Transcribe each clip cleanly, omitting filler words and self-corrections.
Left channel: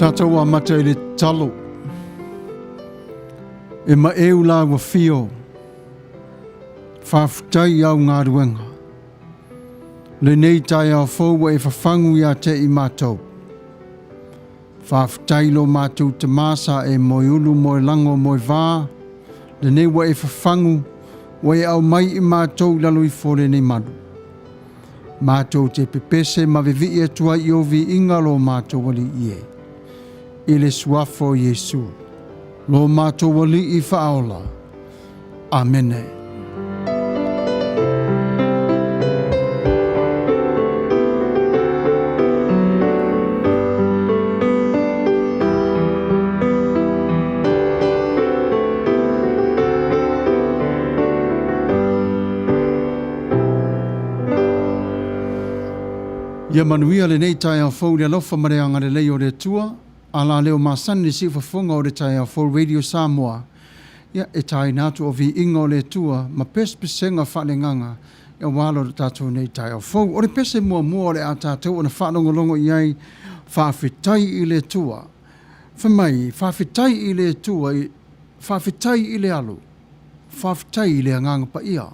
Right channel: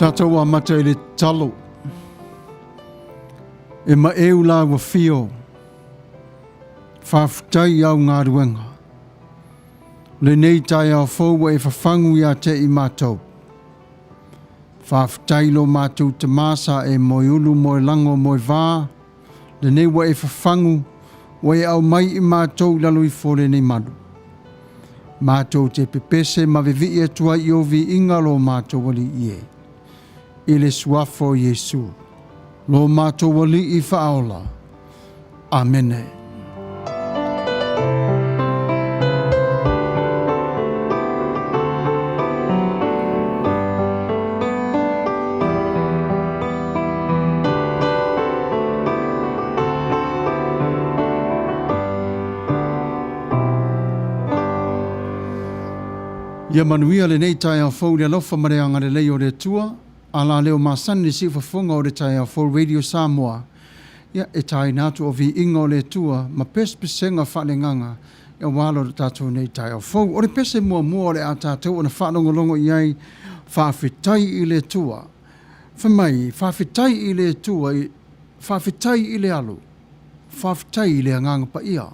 Tātou a mata i le talo. E ma eu la wa fio. Whawhitai au ngā ruenga. Le nei tai au fōua e whawhangu ia te i mātou. Whawhitai lo mātou te māsa e moi ulu, moi lango, moi vā. Le nei wa e whawhangu, wa e au mai i mātou lalo i fōle nei manu. Mātou te Pese Ma Vi'iga Atua i o Vivi'i lo mātou wali i e. I le suafo Yesu. Lo mātou wali i whaola. Amene. Ia Manuia le nei tai au fau le alofa mareanga le leo le tua, ala leo masani le sifa funga o le tai au fau Radio Samoa. Ia e tai natu o Vivi'i o le tua, ma pesenga whale nganga, ia walo le tātou nei tai au fau. O le pese mua o le a tātou o na whanongolongo iai, whawhitai i le tua. Whamai, whawhitai i le tua, whawhitai i le alu, whawhitai i le anganga pa ia.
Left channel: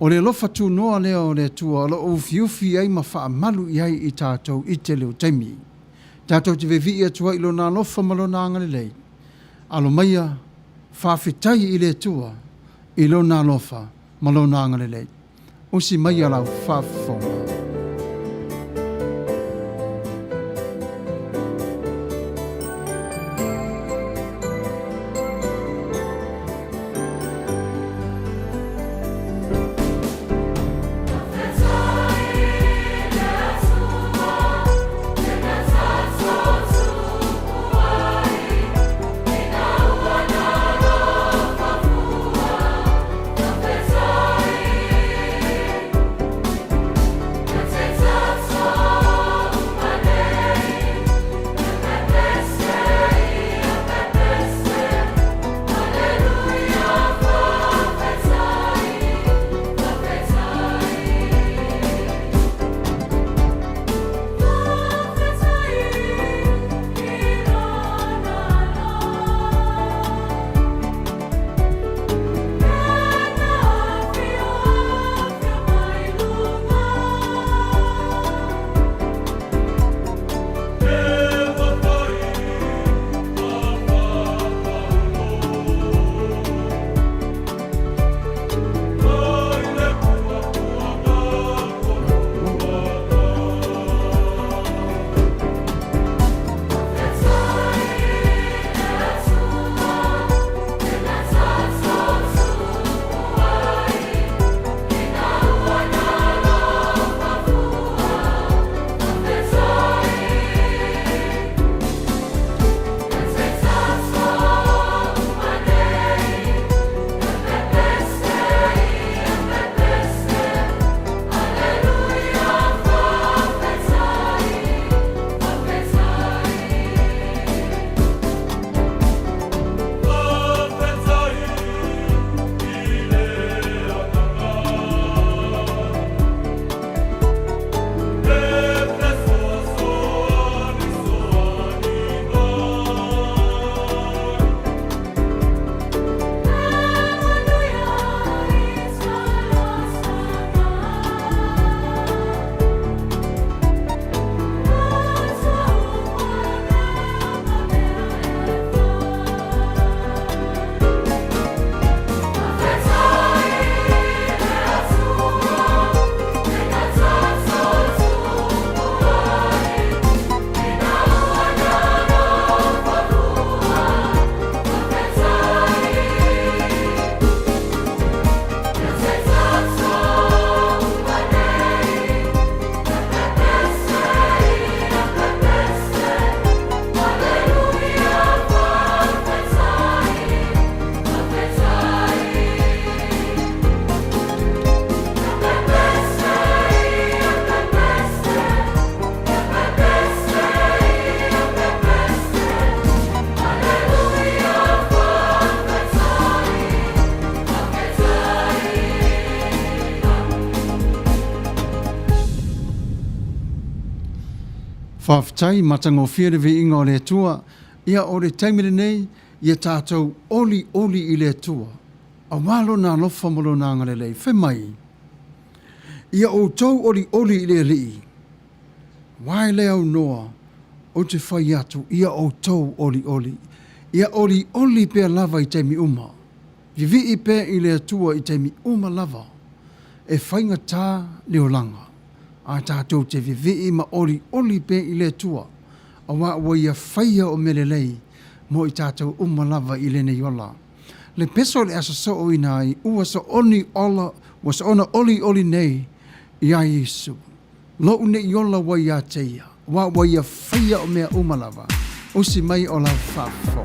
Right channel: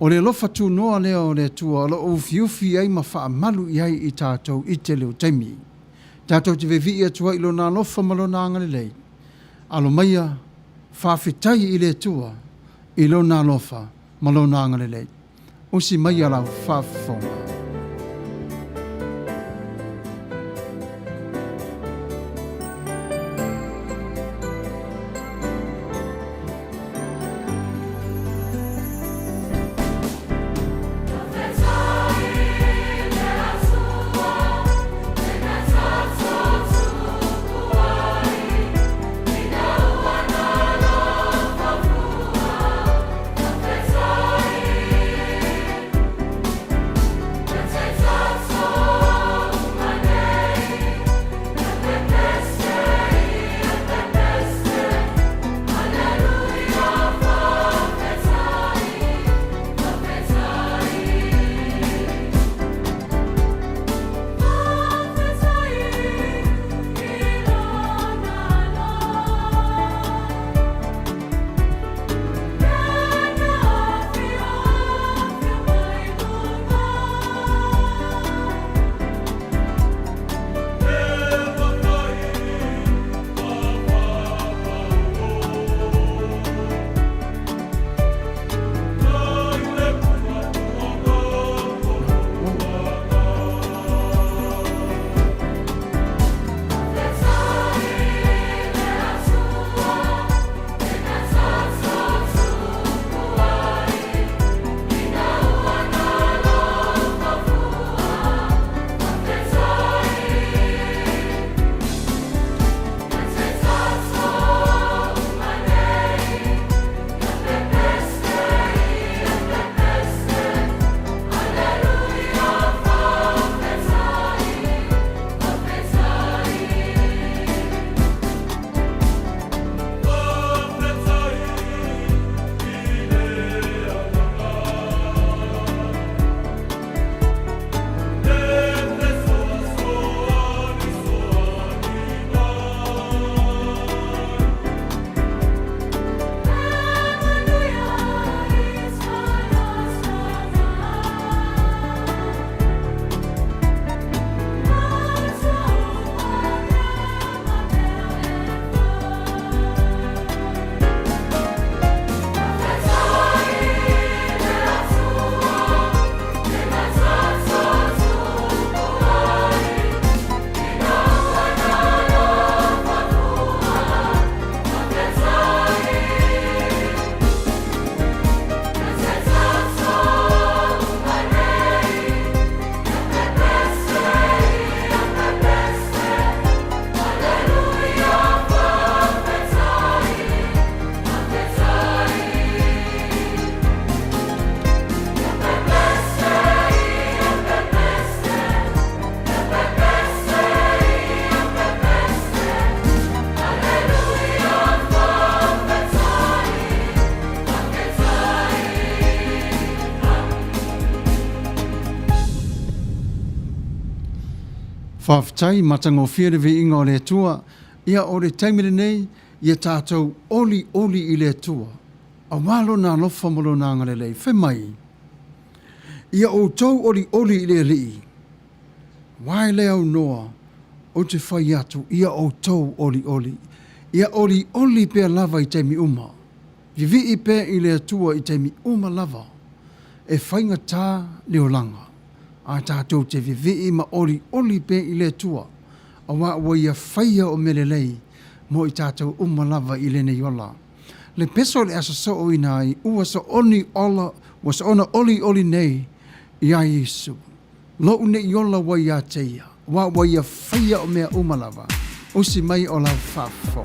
O le lofa tu noa lea o le tua, lo o fiufi ai ma wha malu iai i tātou i te leo taimi. Tātou te Vivi'i Atua i lo nā lofa malo nā ngale lei. Alo maia, whawhitai i le tua, i lo nā lofa malo nā ngale lei. O si maia lau whawhonga. Whawhtai matango whiare vi'iga o le atua, ia o le taimile nei, ia tātou oli i le atua. A walo nā lofa molo nā ngarelei, whemai. Ia o tau oli i le lii. Wai le au noa, o te whai atu, ia o tau oli. Ia oli pēr lava i teimi uma. Vivi'i pēr i le atua i teimi uma lava. E whainga tā leo langa. A tātou te vivi'i ma oli pēr i le atua. A wa ia whaia o melelei, mo i tātou uma lava i le nei ola. Le peso le asa so o inai, ua sa oni ola, wa sa ona oli nei, ia Yesu. Lo une i ola wa ia teia, wa ia whaia o mea uma lava. Usi mai o la whafo.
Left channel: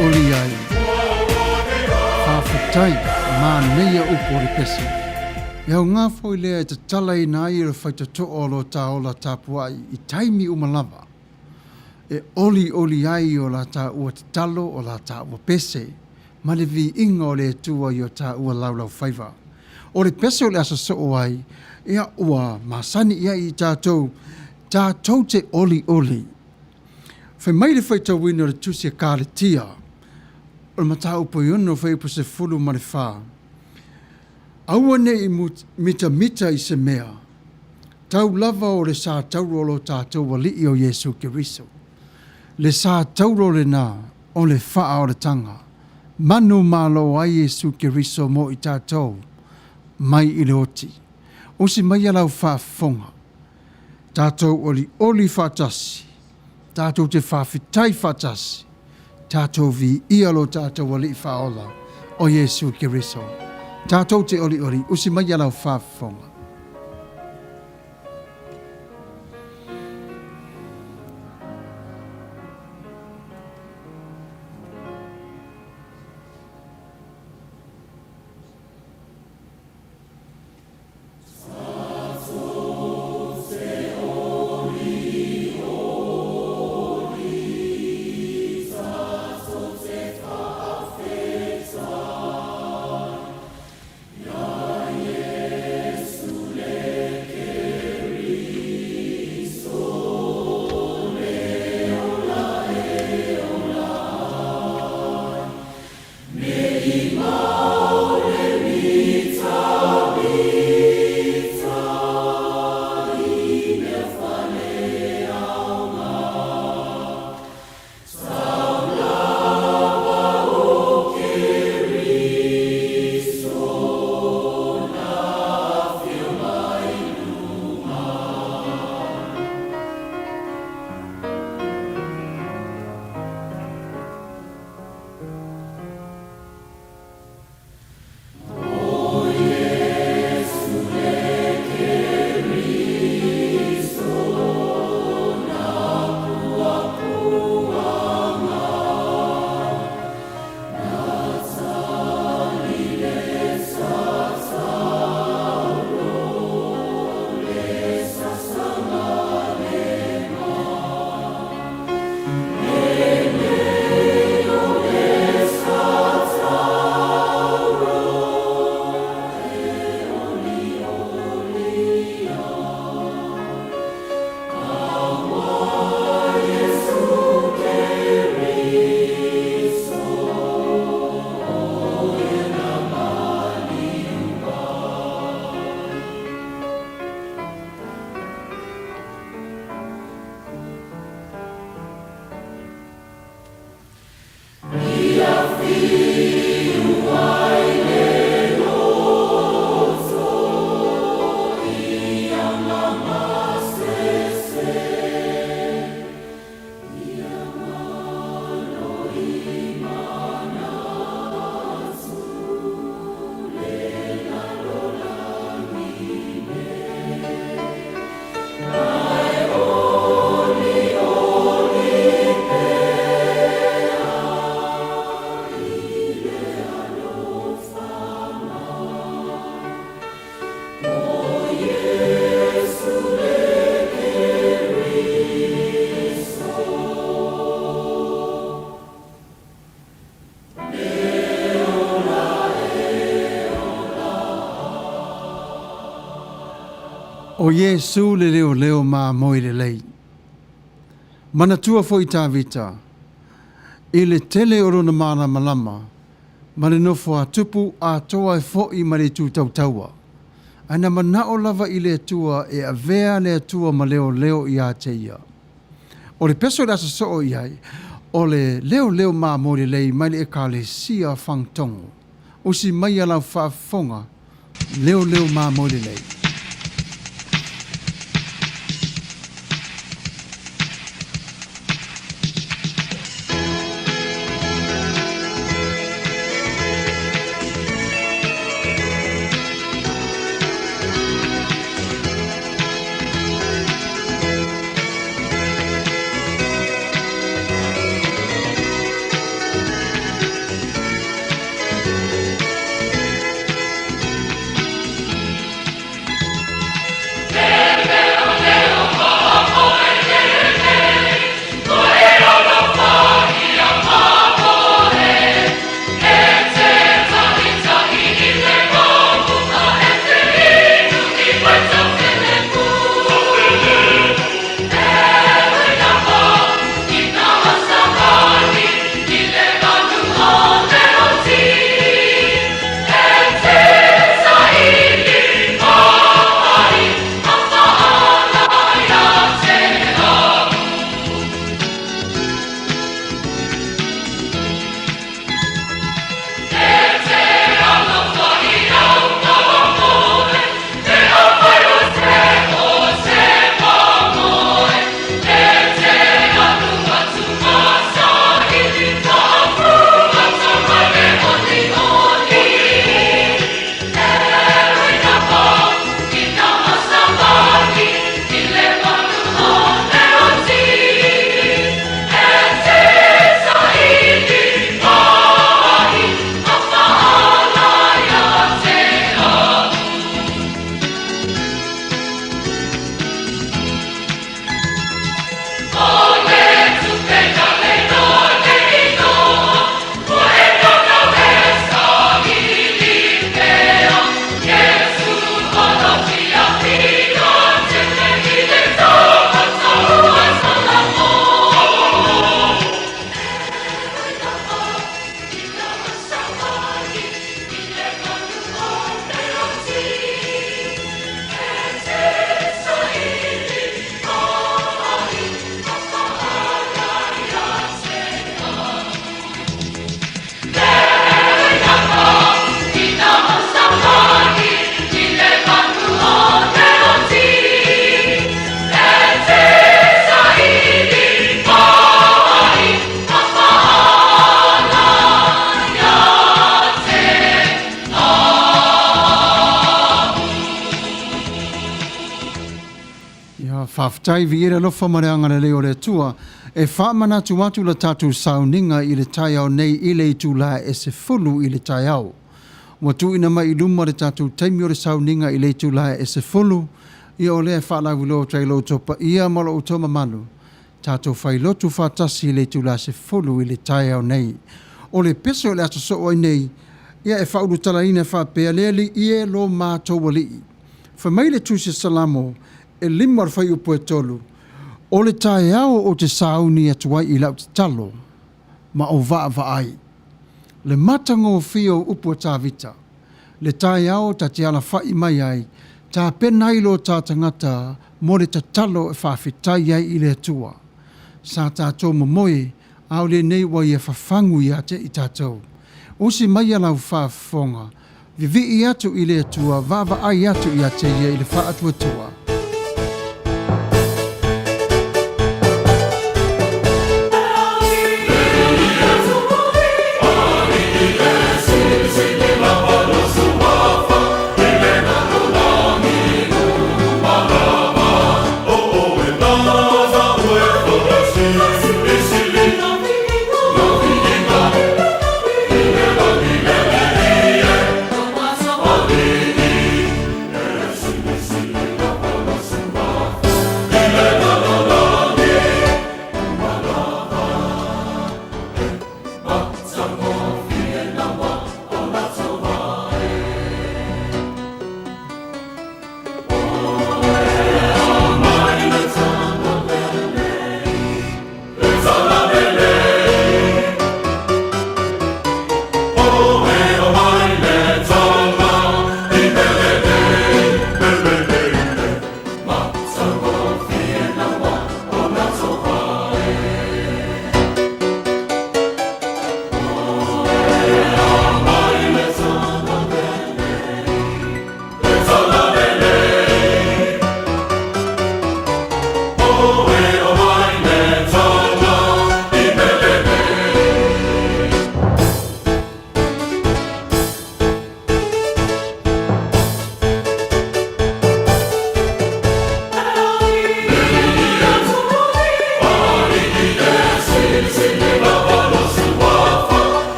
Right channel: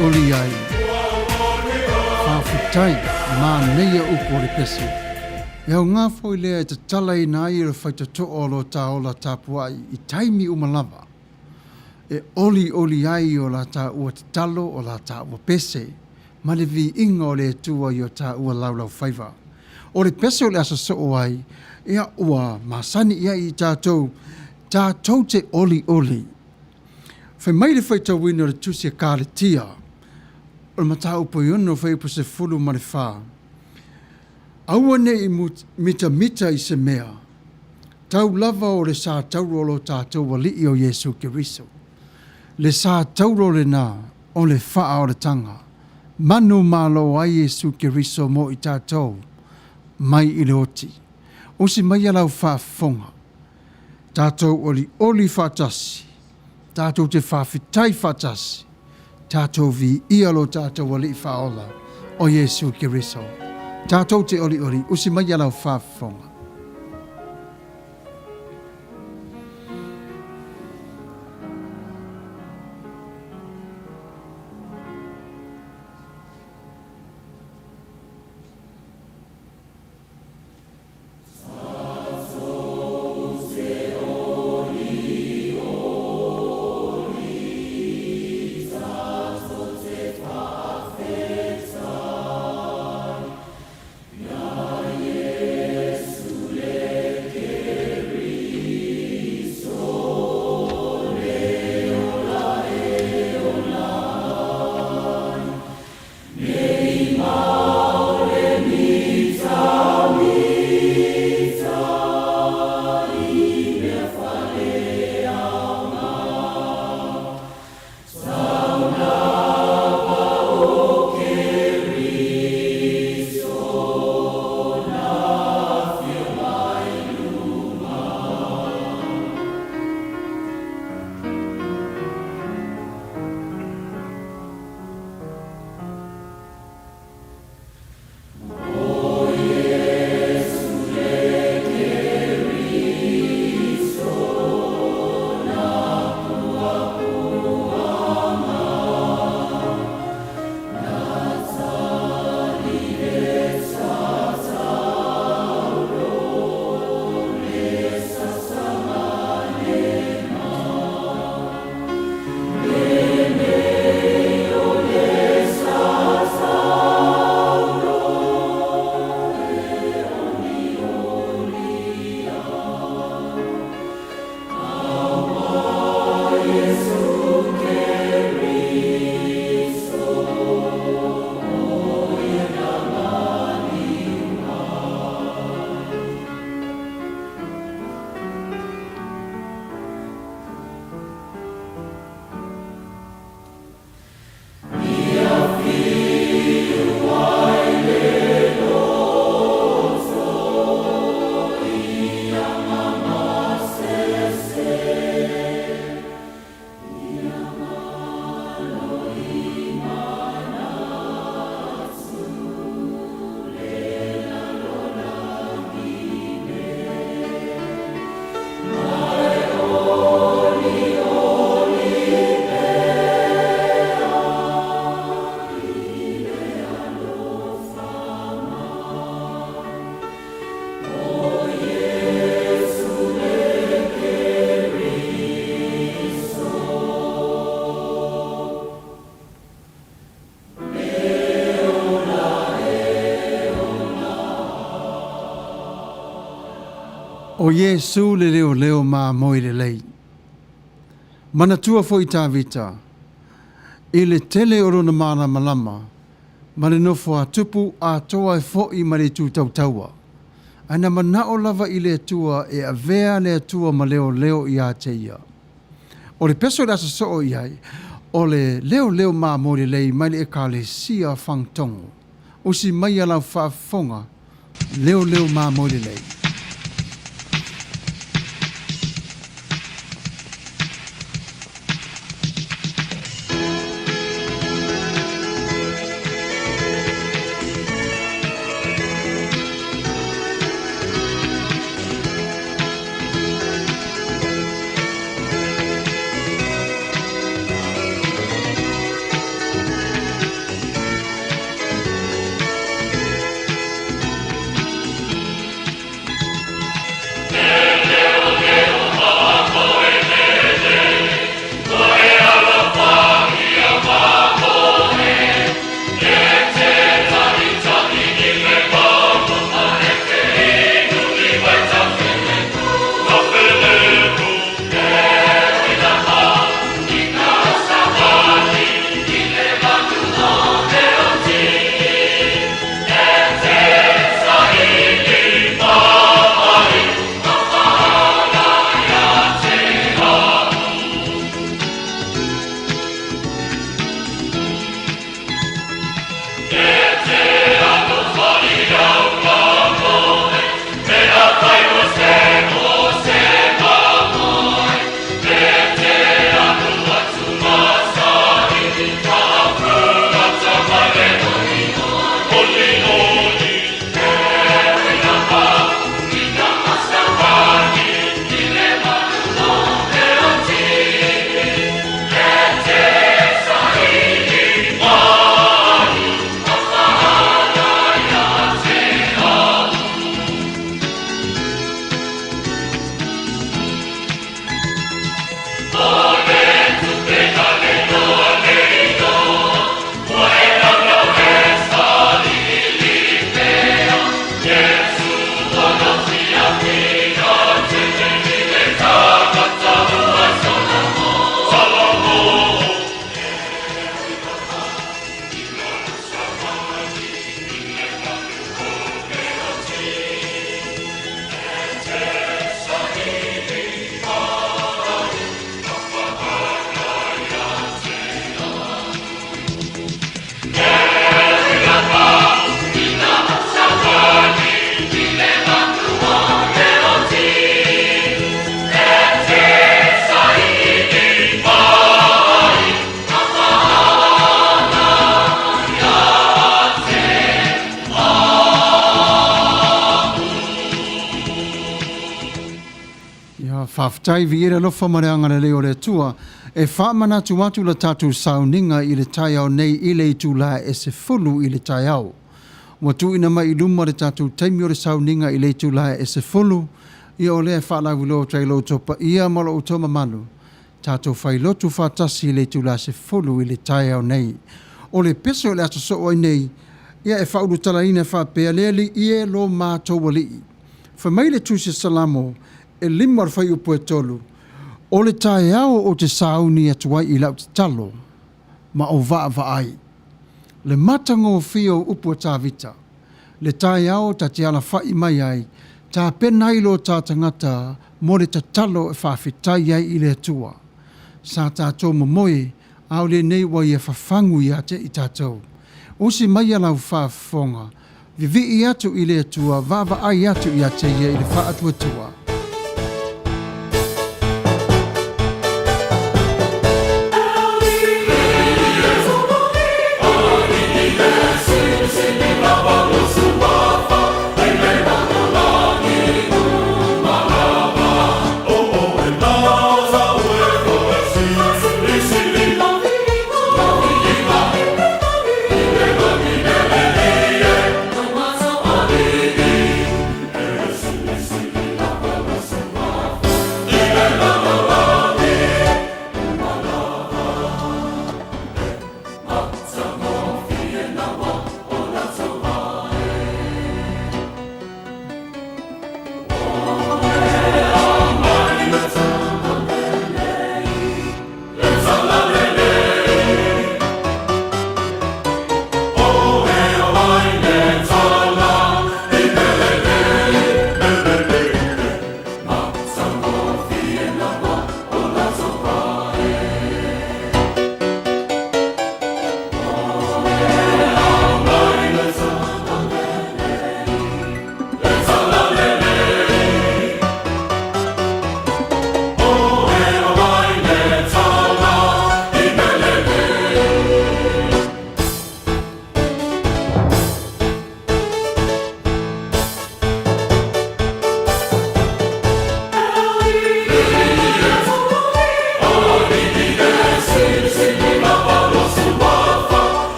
Oli ai. Whawhitai, Manuia upo le pese. Iau ngā fwoi lea te tala i nā i re whaita to olo tā ola tāpuai i taimi umalava. E oli ai o la tā ua te talo o la tā ua pese, ma le vi'iga o le atua i o tā ua laulau whaiva. O le pese o le asa so ai, ia ua masani ia i tātou te oli. Whai mai le whaita wina o le tusia kāre tia, o le matau po iono fai po se fulu ma le wha. Aua ne I mita I se mea. Tau lava o le sa taurolo tātou wali o Yesu Kiriso. Le sa taurolo na o le wha o le tanga. Manu malo a Yesu Kiriso mo I tātou mai I le oti. O si mai alau whaafonga. Tātou oli whaatasi. Tātou te whaafitai whaatasi. Tātou vi'i'i alo tātou wali whaola o Yesu Kiriso. Tātou te oli, o si mai alau whaafonga. O Yesu le leo ma moi le lei. Manatua foi tā vita. I le tele oro na mana malama. Ma le nofo a tupu a toa e fo'i ma le tūtau taua. Ana mana o lava I le atua e a vea le atua ma leo I a te ia. O le peso rasa so o iai. O le leo ma moi le lei mai le e ka le sia fangtongo. O si mai ala whaafonga. Leo ma moi le lei. whaftai viera lofa mareanga le leo le tua, e whaamana tu watu la tatu sauninga i le tai au nei i le itu la e se fulu i le tai au. Watu ina mai iluma le tatu taimi o le sauninga i le itu la e se fulu, ia o lea whaala wilo trai lo topa ia molo utoma manu. Tato whai lotu whatasi i le itu la se fulu i le tai au nei. O le pese o le ato so oi nei, ia e whauru tala ina whapea leali ie lo mātou wali. Whamai le tusi salamo, e lima whai upo e tolu. O le tae au o te sauni atuai i lau te talo, ma o vaa ai. Le matango o fio upo tā vita. Le tae au ta te ala whai mai ai, ta penailo tā tangata, mo le ta talo e whawhitai ai i le atua. Sa tātou mamoe, au le nei wai e whawhangu i ate i tātou. Usi mai alau whaafonga, Vivi'i atu i le atua, vava ai atu i ate ia i le whaatua tua.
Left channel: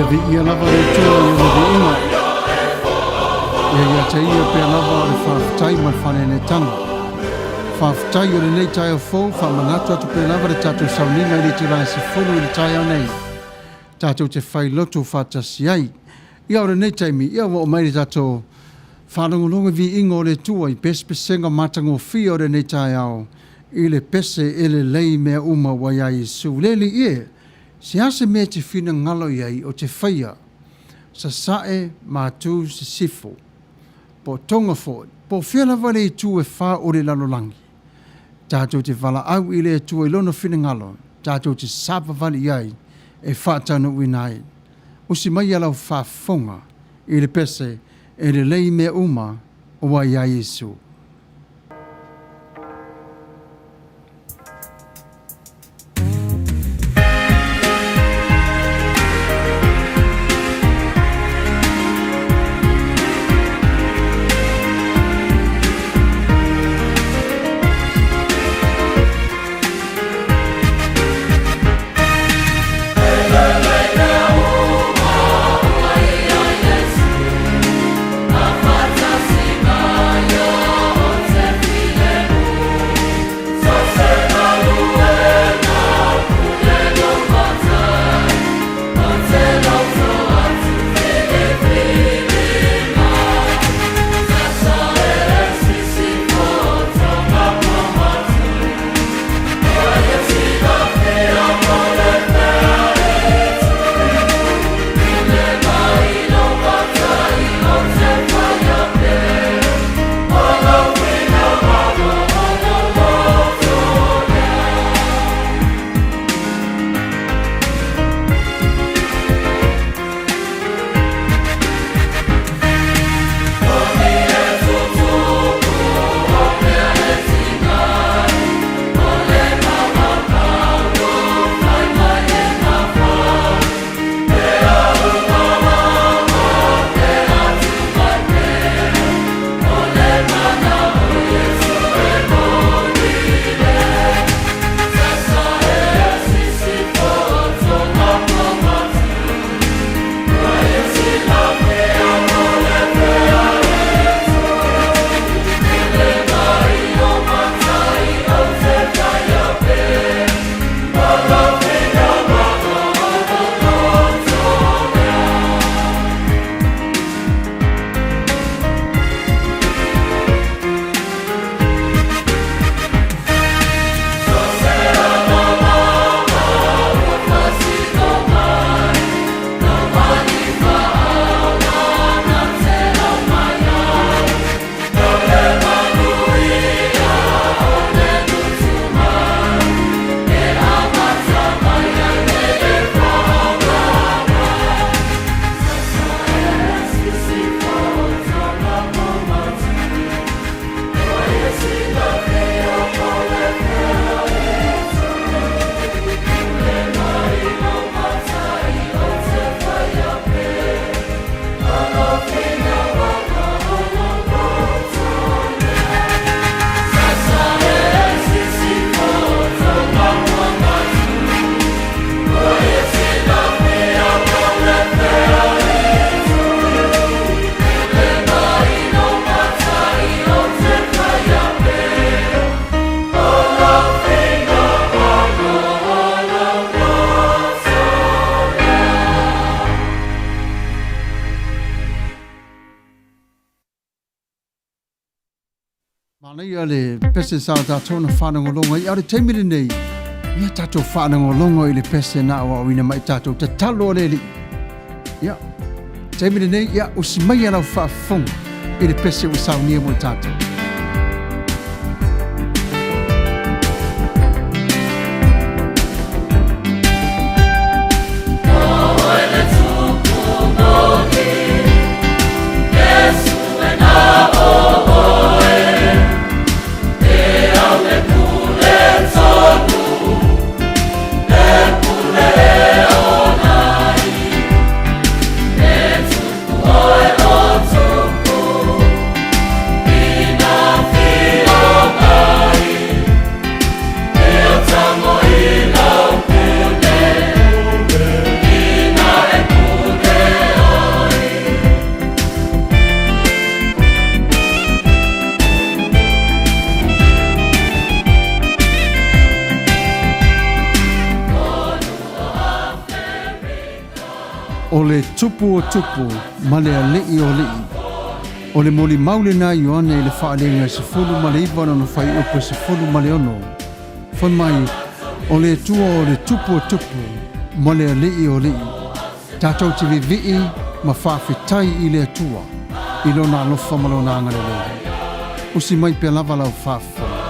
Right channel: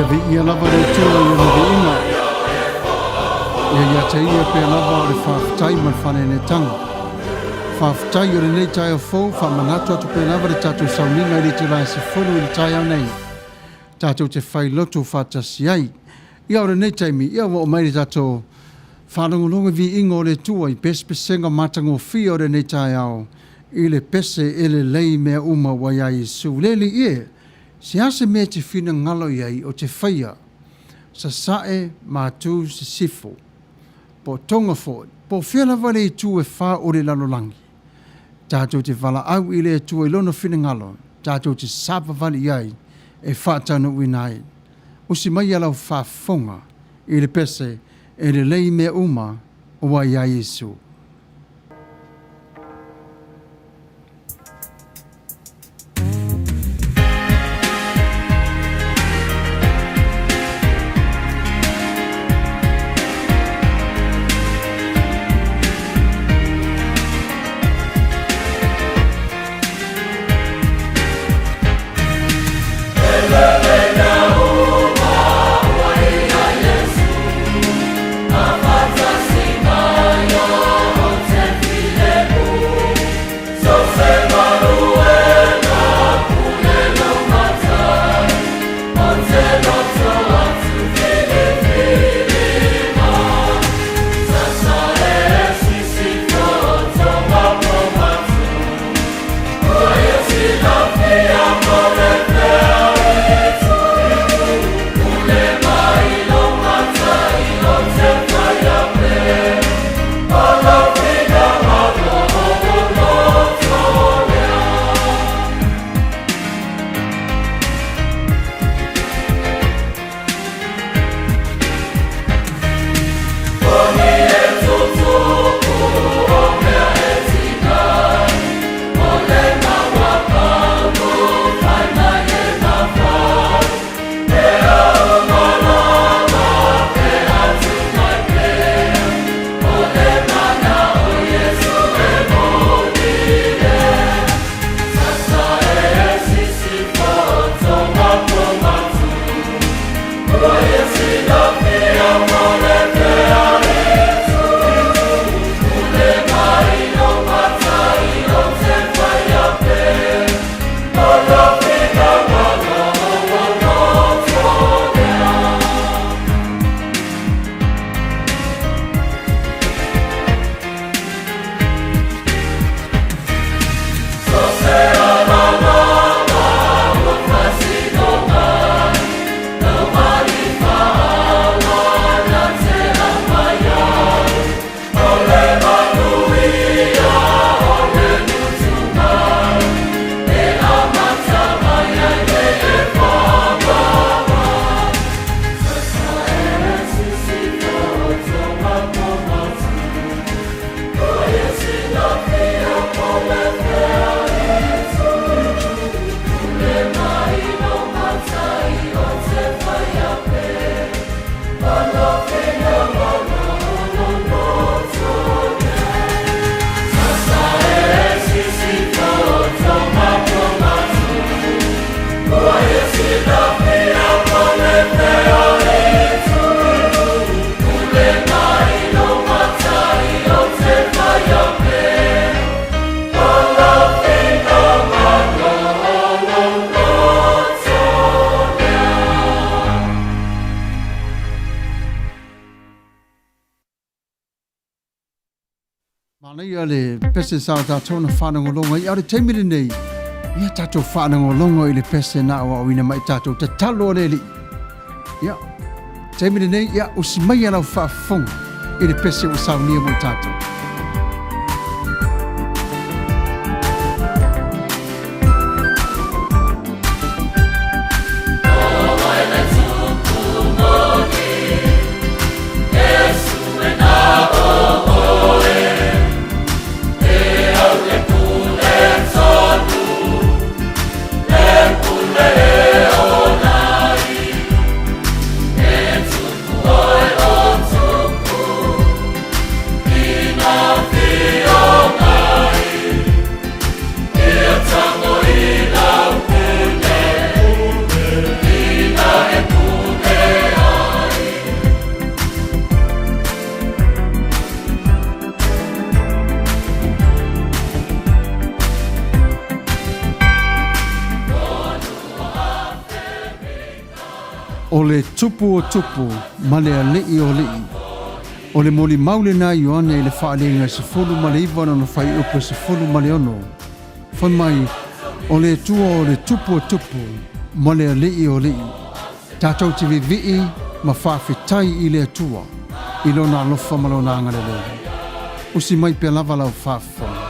Vivi'i lava le tua ia le vi'inga. Ia te ia pe lava o le whawhitai ma le whanenetanga. Whawhitai o le nei tai o fōu, whamanatu atu pe lava le tātou sauninga i le te rai se whulu i le tai au nei. Tātou te whai loto whātasi ai. Ia o le nei taimi, ia o mai le tātou whanongolonga vi'inga o le tua i pesenga matango fia o le nei tai au. I le pese e le lei mea uma wa ia Yesu. Lele ie, se ase mea te whina ngalo iai o te whaia, sa sae mātū se sifo, po tonga fōi, po whiala wale i tū e whā o le lalolangi. Tātou te wala au i le tū e lono whina ngalo, tātou te sapa wale iai e whātano winai. O si mai alau whāfonga i le pese e le lei mea uma o wa ia Yesu. Manuia le pese sa tātou na whanangolonga i aure teimiri nei. Ia tātou whanangolonga i le pese na awa wina mai tātou te talo o leli. Ia, teimiri nei, ia usi mai alau whaafonga i le pese o saunia mo tātou. Ina o le tupu o tupu ma le alii o lii. O le moli maule na ioane i le whaalenga se fulu ma le iwana na whai upo se fulu ma le ono. Whai mai, o le tua o le tupu o tupu ma le alii o lii. Tātou te Vivi'i ma whawhitai i le atua i lona alofa ma lona angarele. Usi mai pe lava lau whawhonga.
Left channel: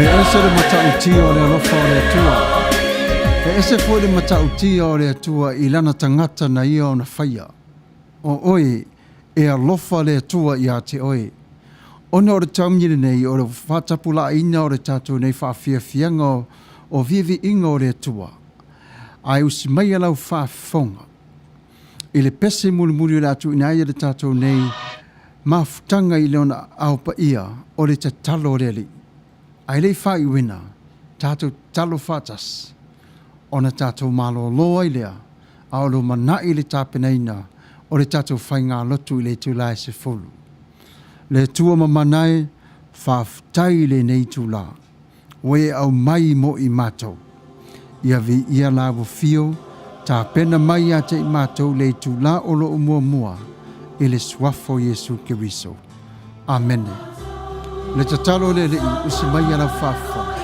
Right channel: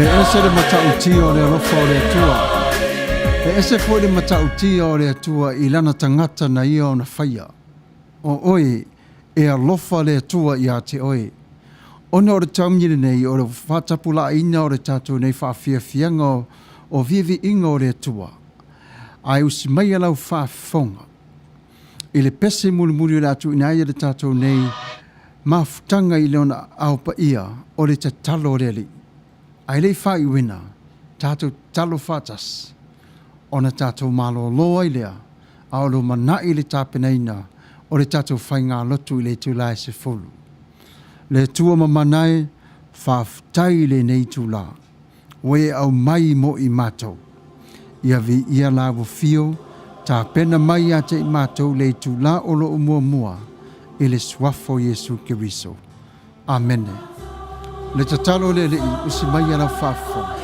E ese le matautia o le alofa o le atua. E ese foi le matautia o le atua I lana tangata na ia o na whaia. O oi e alofa le atua I a te oi. Ona o le taumire nei o le whatapula ina o le tātou nei whawhiawhianga o Vivi'i o le atua. Ai usi mai alau whawhonga. I le pese mulimuli o le atu ina ia le tātou nei mafutanga I leona aupa ia o le tatalo o le ali. Ai lei whai wina, tātou talo whatas, ona tātou malo loa I lea, a olo manai le tāpenaina, o le tātou whai ngā lotu I le tūlai se fulu. Le tua mamanai, whawhtai le nei tūlā, oe au mai mo I mātou. Ia vi ia lawa fio, tā pena mai a te I mātou le tūlā olo o mua I le suafo Yesu Kiriso. Amen. Le tatalo le usi mai ala whawhonga.